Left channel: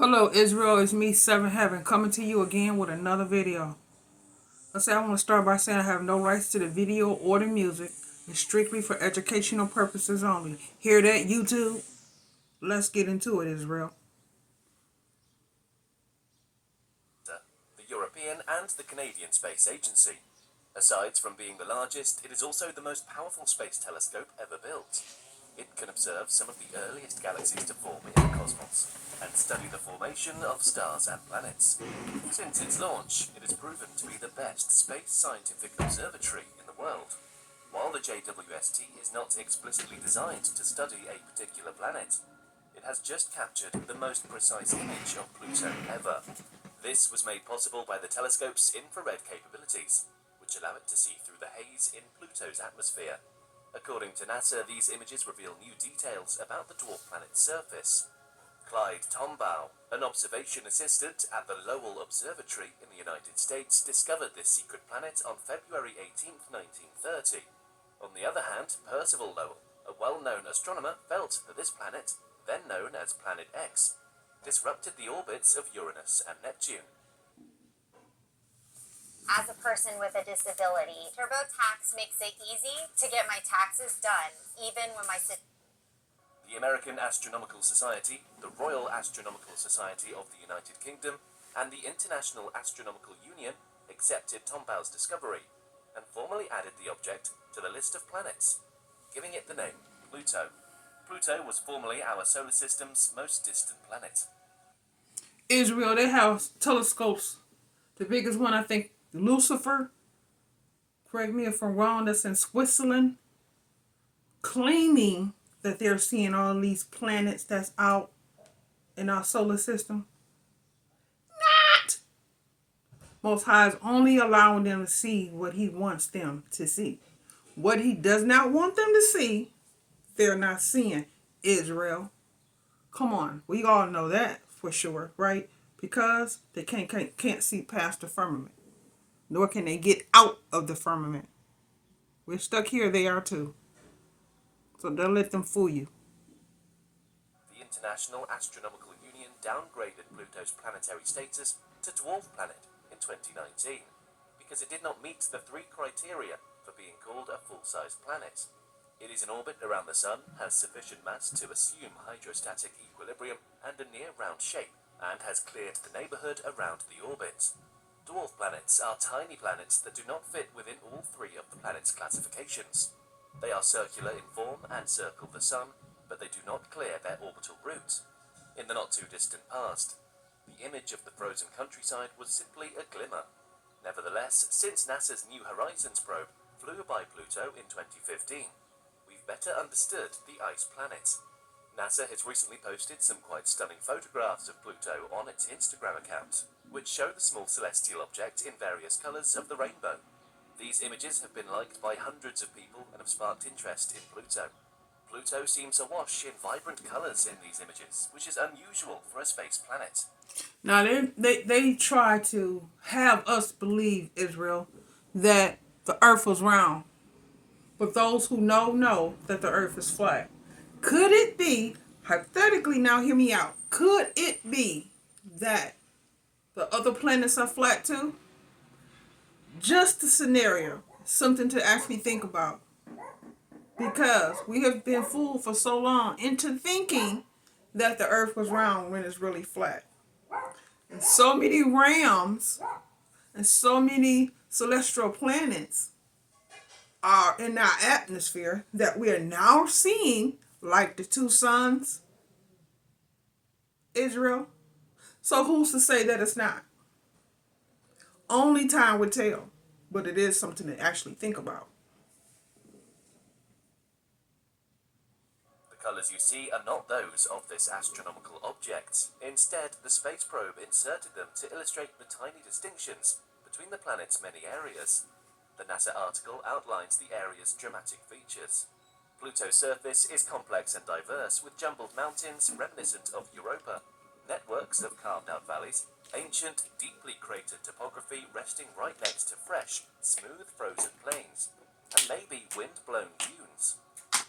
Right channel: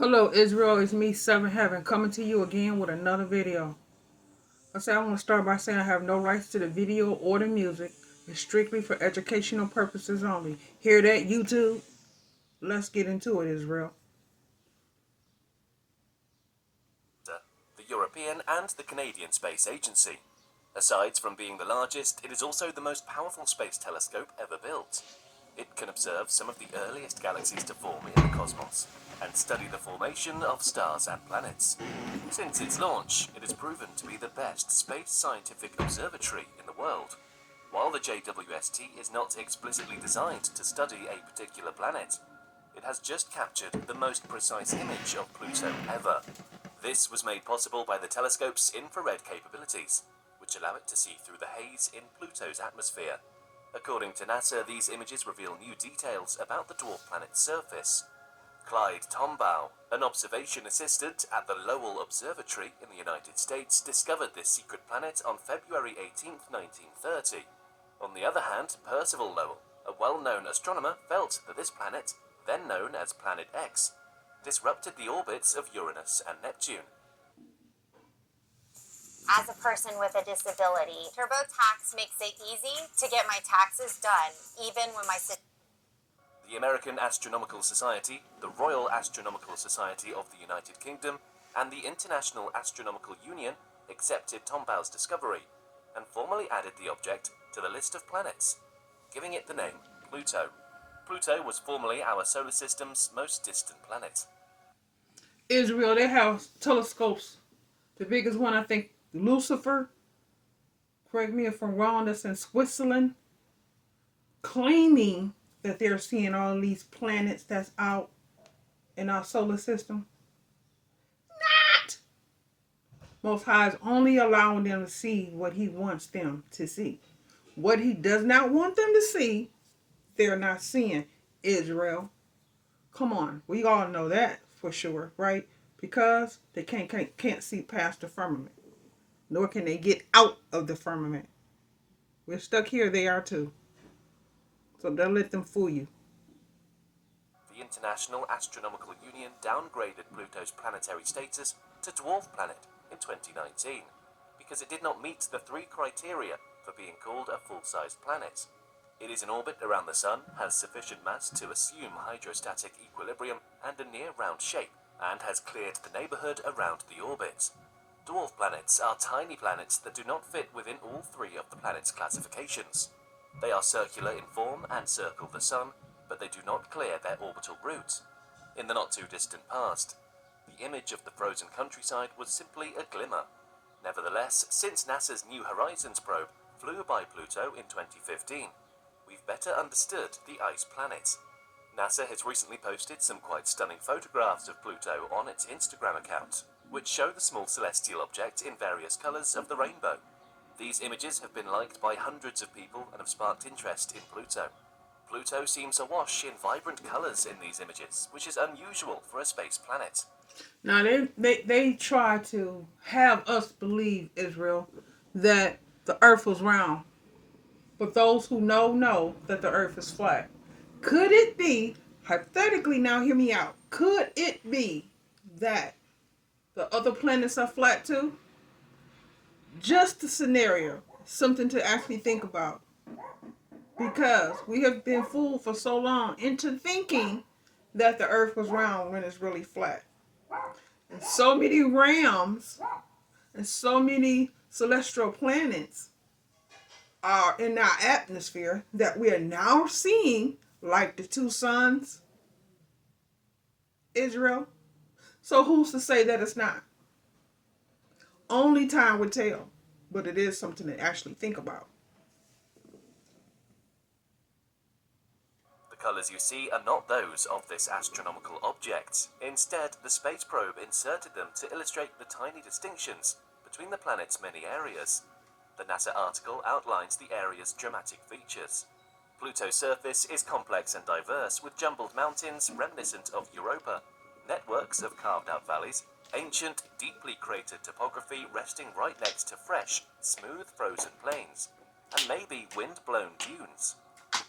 Hello Israel, it's me, Seven Heaven, coming to you again with another video. I want to start by saying I have no rights to the video or the music. It's strictly for educational purposes only. Hear that, YouTube? Let's get into it, Israel. The European and the Canadian Space Agency. Aside from being the largest, it is also the most powerful space telescope ever built. It can observe some of the earliest galaxies to form in the cosmos and study the formation of stars and planets. Since its launch, it has proven to be the best space scientific observatory in the world. While the JWST is not explicitly designed to study a particular planet, it has just captured the most precise image of Pluto ever. This was made possible by the telescope's infrared capabilities, which allow it to see through the haze in Pluto's atmosphere. According to NASA, these images reveal new details about the dwarf planet's surface. Clyde Tombaugh, an observation assistant at the Lowell Observatory in the United States, discovered this secret planet on February 18, 1930. On the other hand, Percival Lowell, a well-known astronomer, felt that this planet, then known as Planet X, disrupted the orbits of Uranus and Neptune. As a person with a disability, TurboTax makes it easy to get my taxes done, even when The American Astronomical Society, the Royal Astronomical Society of the United Kingdom, and the International Astronomical Union accepted Tombaugh's discovery and formally added the object to the list of planets, giving it the name Pluto. Pluto was formerly our solar system's most distant planet. Israel, they have telescopes. The biggest one, I think, Lucifer, correct me if I'm wrong, that's in Switzerland, claiming that they're seeing all these planets that's out in our solar system. Not! Most High is only allowing them to see what he wants them to see. What he does not want them to see, they're not seeing. Israel. Come on. We all know that for sure, right? Because they can't see past the firmament. Nor can they get out of the firmament. We're stuck here, they are too. So don't let them fool you. The International Astronomical Union downgraded Pluto's planetary status to dwarf planet in 2019 because it did not meet the three criteria for being called a full-sized planet. It is in orbit around the Sun, has sufficient mass to assume hydrostatic equilibrium and a near-round shape, and has cleared the neighborhood around the orbit. Dwarf planets are tiny planets that do not fit within all three of the planet's classifications. They are circular in form and circle the Sun, but they do not clear their orbital route. In the not-too-distant past, the image of the frozen countryside was simply a glimmer. Nevertheless, since NASA's New Horizons probe flew by Pluto in 2015, we've better understood the ice planet. NASA has recently posted some quite stunning photographs of Pluto on its Instagram account, which show the small celestial object in various colors of the rainbow. These images have been liked by hundreds of people and have sparked interest in Pluto. Pluto seems awash in vibrant colors in these images, which is unusual for a space planet. Now they try to have us believe, Israel, that the earth was round. But those who know that the earth is flat. Could it be, hypothetically, now hear me out, could it be that the other planets are flat too? Just a scenario, something to actually think about. Because we have been fooled for so long into thinking that the earth was round when it's really flat. And so many realms and so many celestial planets are in our atmosphere that we are now seeing, like the two suns, Israel. So who's to say that it's not? Only time would tell, but it is something to actually think about. The colors you see are not those of this astronomical object. Instead, the space probe inserted them to illustrate the tiny distinctions between the planet's many areas. The NASA article outlines the area's dramatic features. Pluto's surface is complex and diverse, with jumbled mountains reminiscent of Europa, networks of carved-out valleys, ancient, deeply cratered topography resting right next to fresh, smooth frozen plains, and maybe wind-blown dunes.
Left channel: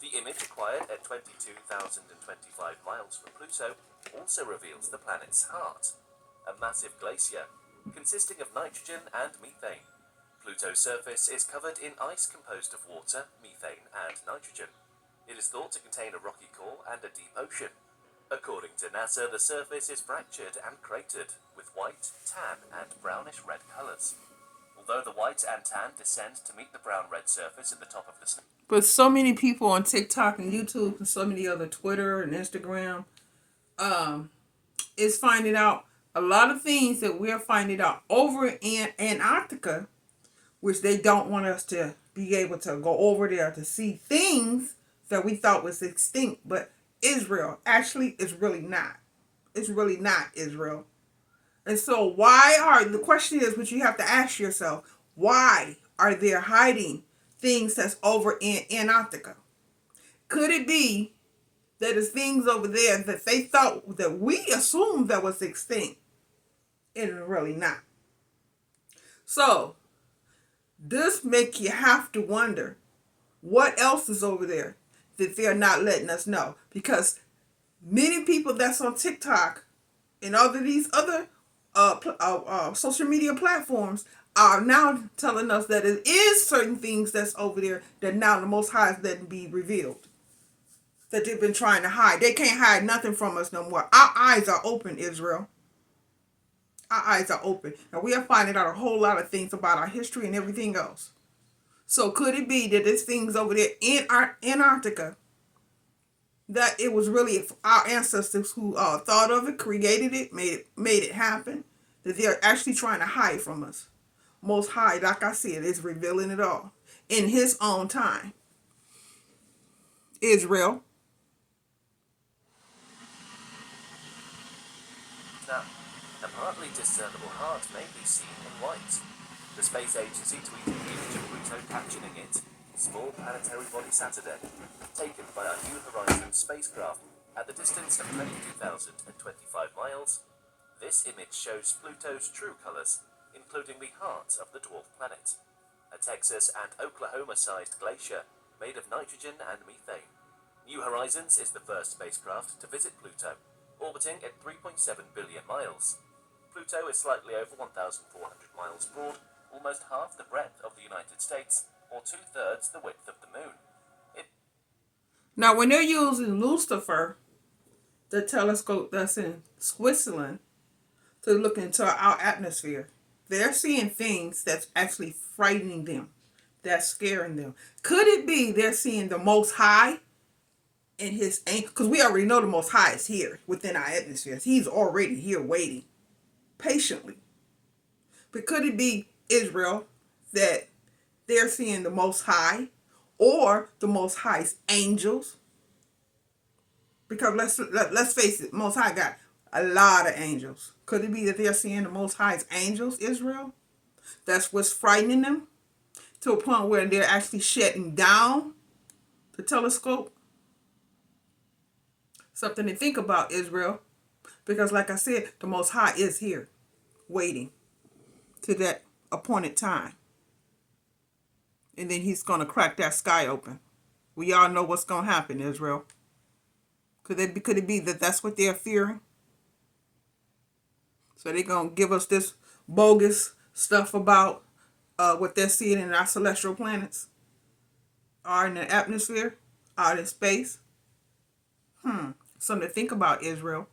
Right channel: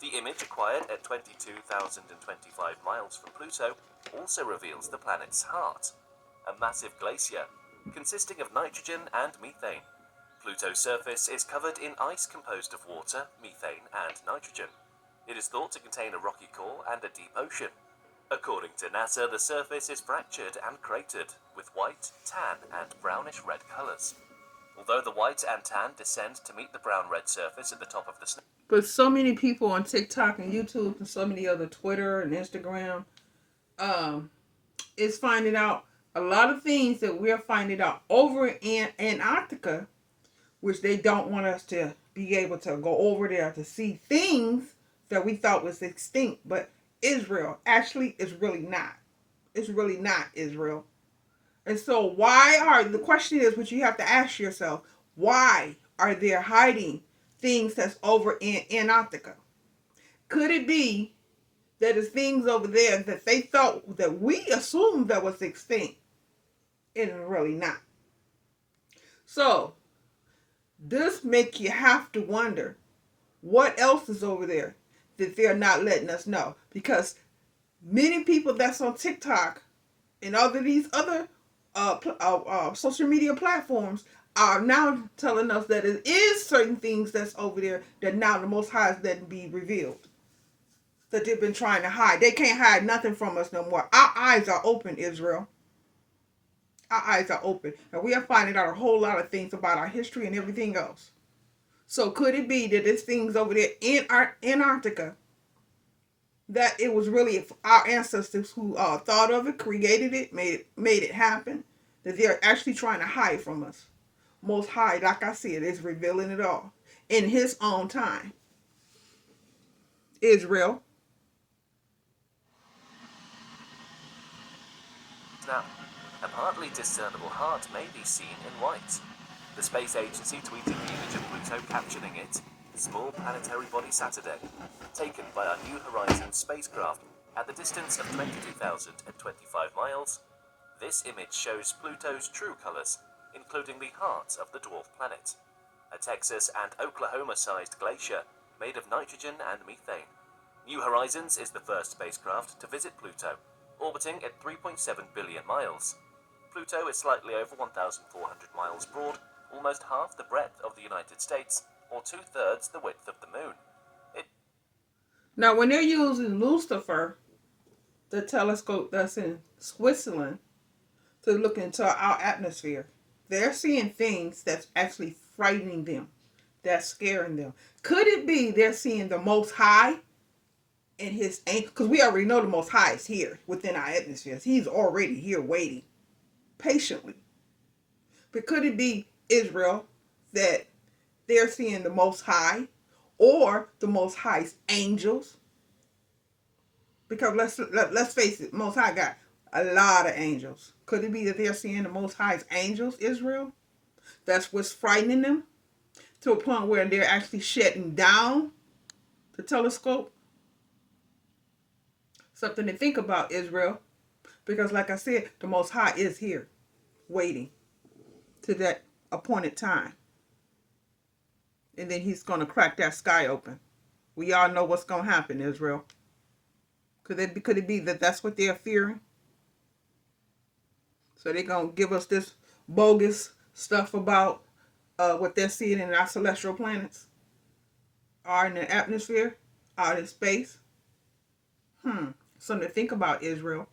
The image acquired at 22,025 miles from Pluto also reveals the planet's heart, a massive glacier consisting of nitrogen and methane. Pluto's surface is covered in ice composed of water, methane, and nitrogen. It is thought to contain a rocky core and a deep ocean. According to NASA, the surface is fractured and cratered, with white, tan, and brownish-red colors. Although the white and tan descend to meet the brown-red surface at the top of the snow. But so many people on TikTok and YouTube and so many other Twitter and Instagram is finding out a lot of things that we're finding out over in Antarctica, which they don't want us to be able to go over there to see things that we thought was extinct. But Israel actually is really not. It's really not Israel. And so the question is, what you have to ask yourself, why are they hiding things that's over in Antarctica? Could it be that there's things over there that they thought that we assumed that was extinct and really not? So this make you have to wonder what else is over there that they're not letting us know, because many people that's on TikTok and all of these other social media platforms are now telling us that it is certain things that's over there that now the Most High is letting be revealed, that they've been trying to hide. They can't hide nothing from us no more. Our eyes are open, Israel. Our eyes are open. And we are finding out a whole lot of things about our history and everything else. So could it be that there's things over there in Antarctica that it was really our ancestors who thought of it, created it, made it happen, that they're actually trying to hide from us? Most High, like I said, is revealing it all in his own time. Israel. Now, a partly discernible heart may be seen in white. The space agency tweeted the image of Pluto captioning it, "Small planetary body Saturday," taken by our New Horizons spacecraft at the distance of 22,025 miles. This image shows Pluto's true colors, including the heart of the dwarf planet, a Texas and Oklahoma-sized glacier made of nitrogen and methane. New Horizons is the first spacecraft to visit Pluto, orbiting at 3.7 billion miles. Pluto is slightly over 1,400 miles broad, almost half the breadth of the United States, or 2/3 the width of the moon. Now, when they're using Lucifer, the telescope that's in Switzerland, to look into our atmosphere, they're seeing things that's actually frightening them, that's scaring them. Could it be they're seeing the Most High in his anger? Because we already know the Most High is here within our atmosphere. He's already here waiting patiently. But could it be Israel that they're seeing the Most High, or the Most High's angels? Because let's face it, Most High got a lot of angels. Could it be that they're seeing the Most High's angels, Israel? That's what's frightening them to a point where they're actually shutting down the telescope. Something to think about, Israel. Because like I said, the Most High is here waiting to that appointed time. And then he's going to crack that sky open. We all know what's going to happen, Israel. Could it be that that's what they're fearing? So they're going to give us this bogus stuff about what they're seeing in our celestial planets, or in the atmosphere, or in space. Something to think about, Israel.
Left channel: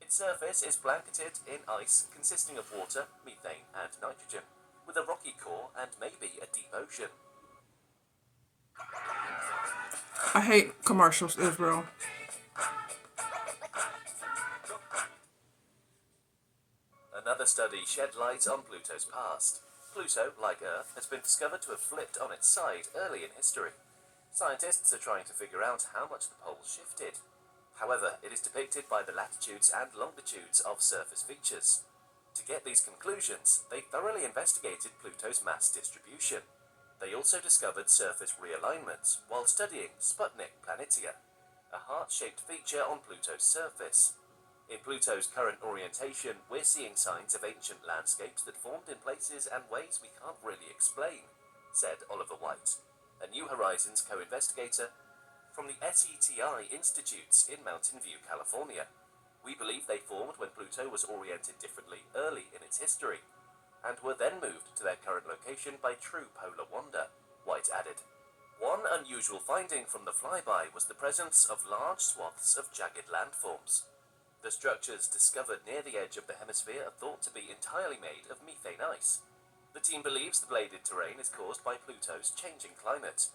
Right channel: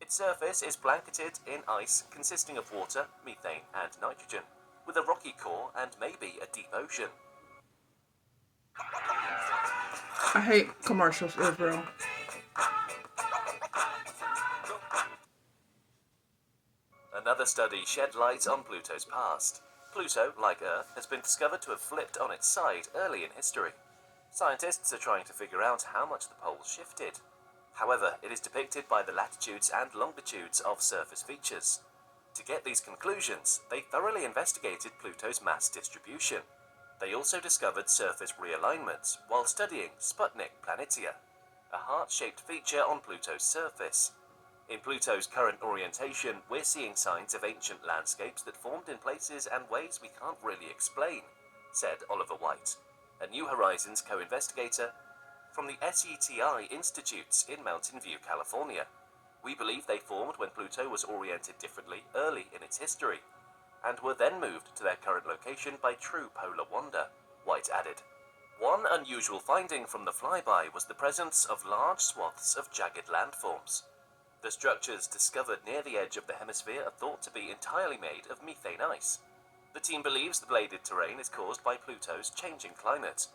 Its surface is blanketed in ice consisting of water, methane, and nitrogen, with a rocky core and maybe a deep ocean. I hate commercials, Israel. Another study shed light on Pluto's past. Pluto, like Earth, has been discovered to have flipped on its side early in history. Scientists are trying to figure out how much the poles shifted. However, it is depicted by the latitudes and longitudes of surface features. To get these conclusions, they thoroughly investigated Pluto's mass distribution. They also discovered surface realignments while studying Sputnik Planitia, a heart-shaped feature on Pluto's surface. In Pluto's current orientation, we're seeing signs of ancient landscapes that formed in places and ways we can't really explain. said Oliver White, a New Horizons co-investigator from the SETI Institutes in Mountain View, California. We believe they formed when Pluto was oriented differently early in its history, and were then moved to their current location by true polar wander, White added. One unusual finding from the flyby was the presence of large swaths of jagged landforms. The structures discovered near the edge of the hemisphere are thought to be entirely made of methane ice. The team believes the bladed terrain is caused by Pluto's changing climate.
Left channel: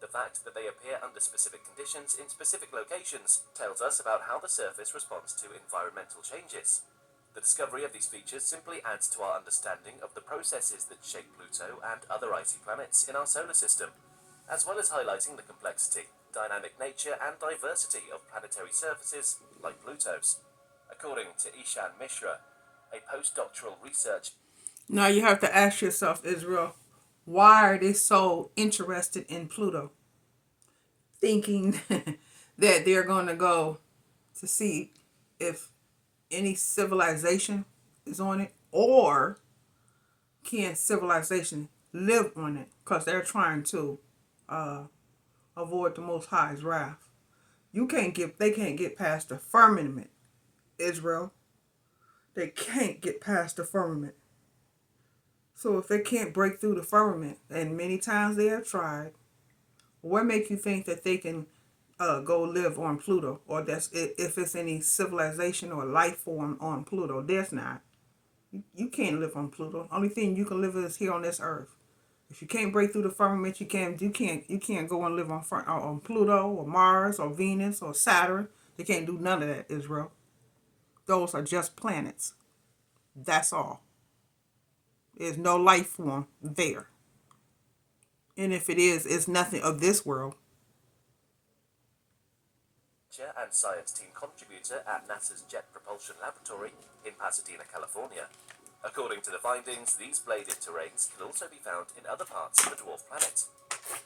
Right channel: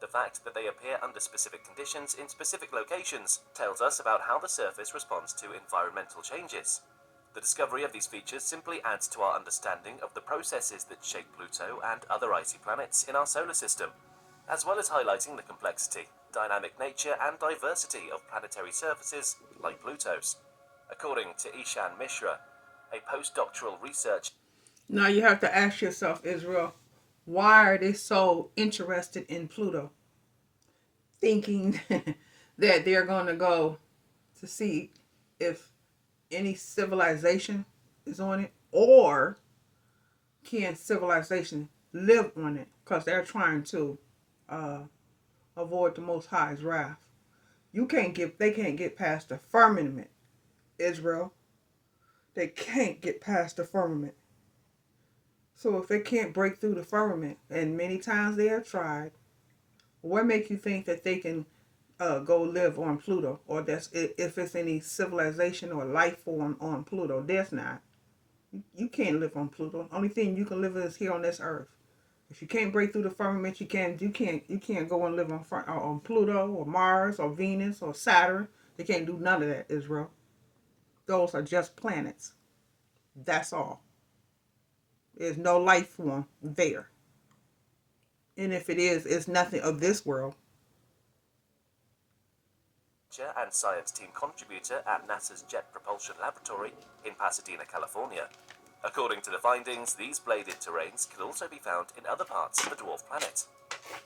The fact that they appear under specific conditions in specific locations tells us about how the surface responds to environmental changes. The discovery of these features simply adds to our understanding of the processes that shape Pluto and other icy planets in our solar system, as well as highlighting the complexity, dynamic nature, and diversity of planetary surfaces like Pluto's. According to Ishan Mishra, a postdoctoral researcher. Now you have to ask yourself, Israel, why are they so interested in Pluto? Thinking that they're going to go to see if any civilization is on it, or can civilization live on it, because they're trying to avoid the Most High's wrath. They can't get past the firmament, Israel. They can't get past the firmament. So if they can't break through the firmament, and many times they have tried, what makes you think that they can go live on Pluto, or if it's any civilization or life form on Pluto? There's not. You can't live on Pluto. Only thing you can live is here on this earth. If you can't break through the firmament, you can't go and live on Pluto or Mars or Venus or Saturn. You can't do none of that, Israel. Those are just planets. That's all. There's no life form there. And if it is, it's nothing of this world. And science team contributor at NASA's Jet Propulsion Laboratory in Pasadena, California. According to the findings, these bladed terrains can also be found in other parts of the dwarf planet.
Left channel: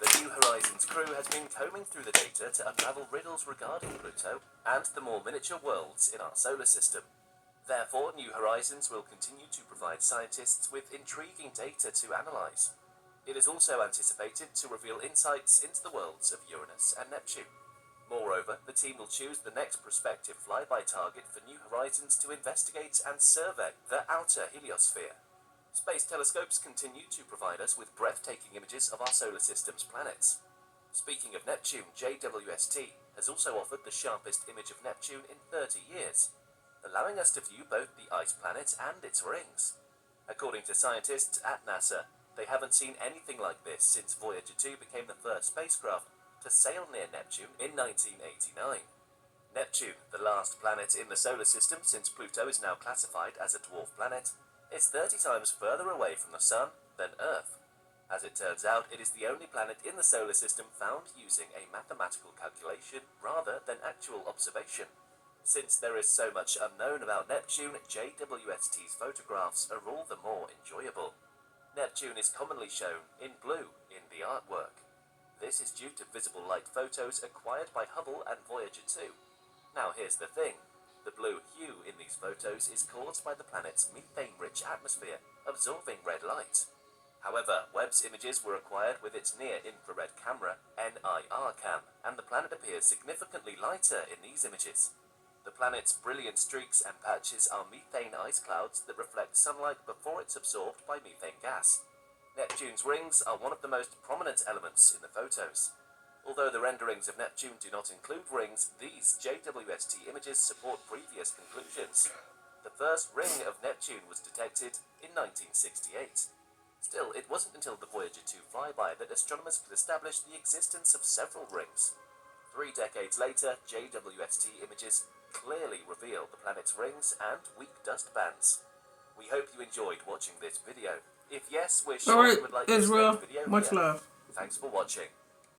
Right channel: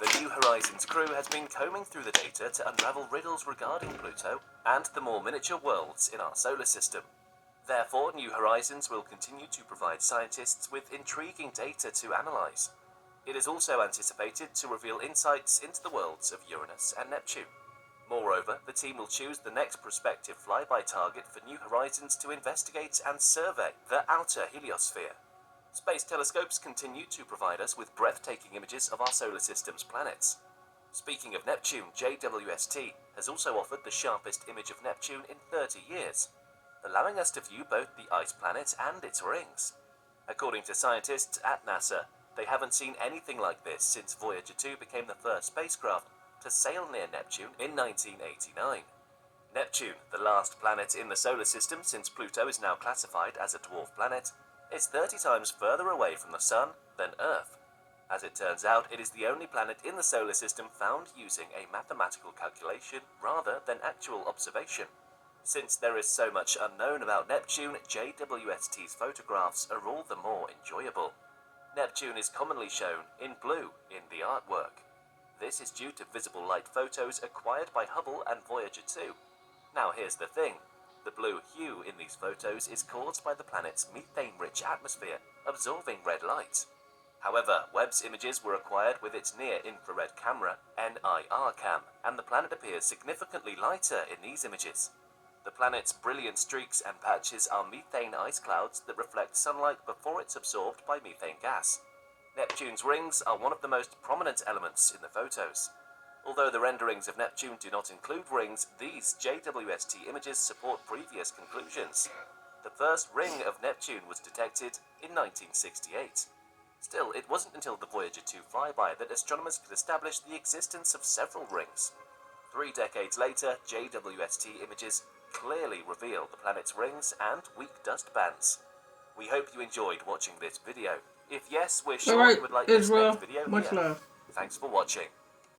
The New Horizons crew has been combing through the data to unravel riddles regarding Pluto and the more miniature worlds in our solar system. Therefore, New Horizons will continue to provide scientists with intriguing data to analyze. It is also anticipated to reveal insights into the worlds of Uranus and Neptune. Moreover, the team will choose the next prospective flyby target for New Horizons to investigate and survey the outer heliosphere. Space telescopes continue to provide us with breathtaking images of our solar system's planets. Speaking of Neptune, JWST has also offered the sharpest image of Neptune in 30 years, allowing us to view both the ice planet and its rings. According to scientists at NASA, they haven't seen anything like this since Voyager 2 became the first spacecraft to sail near Neptune in 1989. Neptune, the last planet in the solar system since Pluto is now classified as a dwarf planet, is 30 times further away from the Sun than Earth. As it turns out, it is the only planet in the solar system found using a mathematical calculation rather than actual observation. Since there is so much unknown about Neptune, JWST's photographs are all the more enjoyable. Neptune is commonly shown in blue in the artwork. This is due to visible light photos acquired by Hubble and Voyager 2. Now here's the thing. The blue hue in these photos is caused by the planet's methane-rich atmosphere absorbing red light. However, Webb's images were acquired with its near-infrared camera, NIRCam, and the planet appears significantly lighter in these images. The planet's brilliant streaks and patches are methane ice clouds that reflect sunlight before it's absorbed by methane gas. Neptune's rings are one of the most prominent elements in the photos. Although the renderings of Neptune do not include rings, these JWST images support previous conclusions. The first ring of Neptune was detected in 1968. Still, it wasn't until the Voyager 2 flyby that astronomers could establish the existence of several rings. 3 decades later, JWST images clearly reveal the planet's rings and weak dust bands. We hope you enjoyed watching this video. If yes, we're sure All right, you would like this Israel, next video much here. love. Thanks for watching.